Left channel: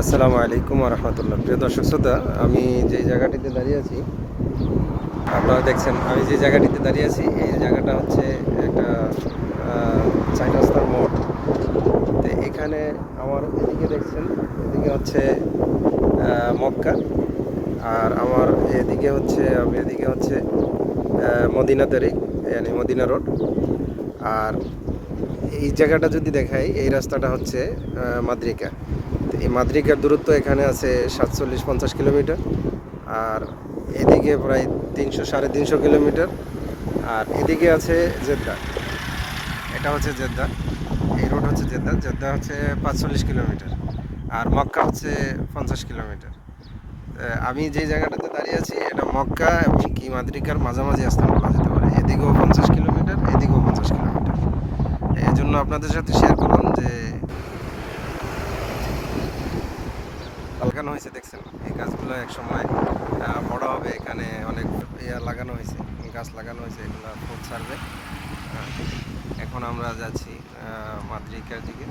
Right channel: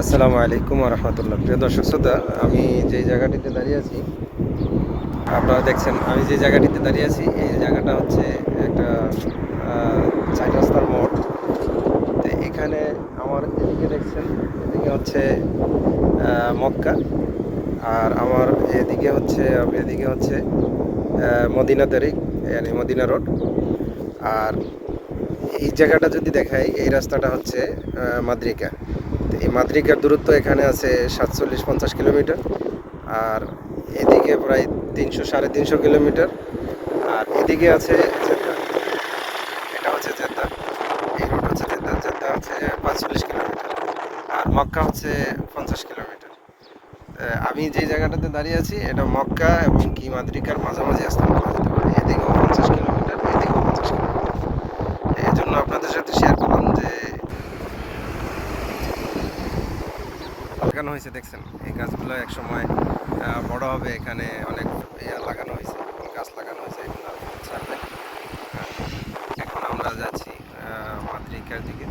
আসসালামু আলাইকুম ওয়া রাহমাতুল্লাহ। প্রিয় দর্শক শ্রোতা, আমি যেই জায়গাটিতে দাঁড়িয়ে আছি, আপনারা দেখছেন আমি যে জায়গাটিতে দাঁড়িয়ে আছি, এই জায়গাটা হচ্ছে একটা আ ৪ রাস্তার মোড়। তো এখানে আমার এদিকে দেখছেন, এদিকে হচ্ছে মক্কা। আর আমার এদিকে হচ্ছে মদিনা তরিক, ইয়ানি মদিনা রোড। আর এই জায়গাটা যদি দেখাই, এই রাস্তাটা হচ্ছে মাদ্রিকা। তো এই মাদ্রিকার দূরত্ব এখানে আছে ৪৭-৫০ কিলোমিটার। আর এদিকে প্রায় ৩০০-৩৫০ কিলোমিটার। আর এদিকে আছে জেদ্দা, এটা হচ্ছে জেদ্দা। এই রোড হচ্ছে জেদ্দা, জেদ্দা হচ্ছে ৪৫ কিলোমিটার। আর মক্কা হচ্ছে ৫০ কিলোমিটার। আমি যে জায়গাটাতে দাঁড়িয়ে আছি, এটা মক্কা এবং কি মাদ্রিকার মাঝামাঝি স্থান বলা যেতে পারে। এদিকেও ৫০ কিলোমিটার, এদিকেও ৫০ কিলোমিটার। এই জন্য আপনাদের সাথে শেয়ার করলাম যে লাগানো হয়েছে, দেখছেন এই গাছগুলো এক সময় বড় হবে। এখানে অনেক লাগানো হয়েছে, গাছ লাগানো হয়েছে, এগুলো ফুল ছাড়বে। এখন আমরা যাচ্ছি মাদ্রিকার দিকে।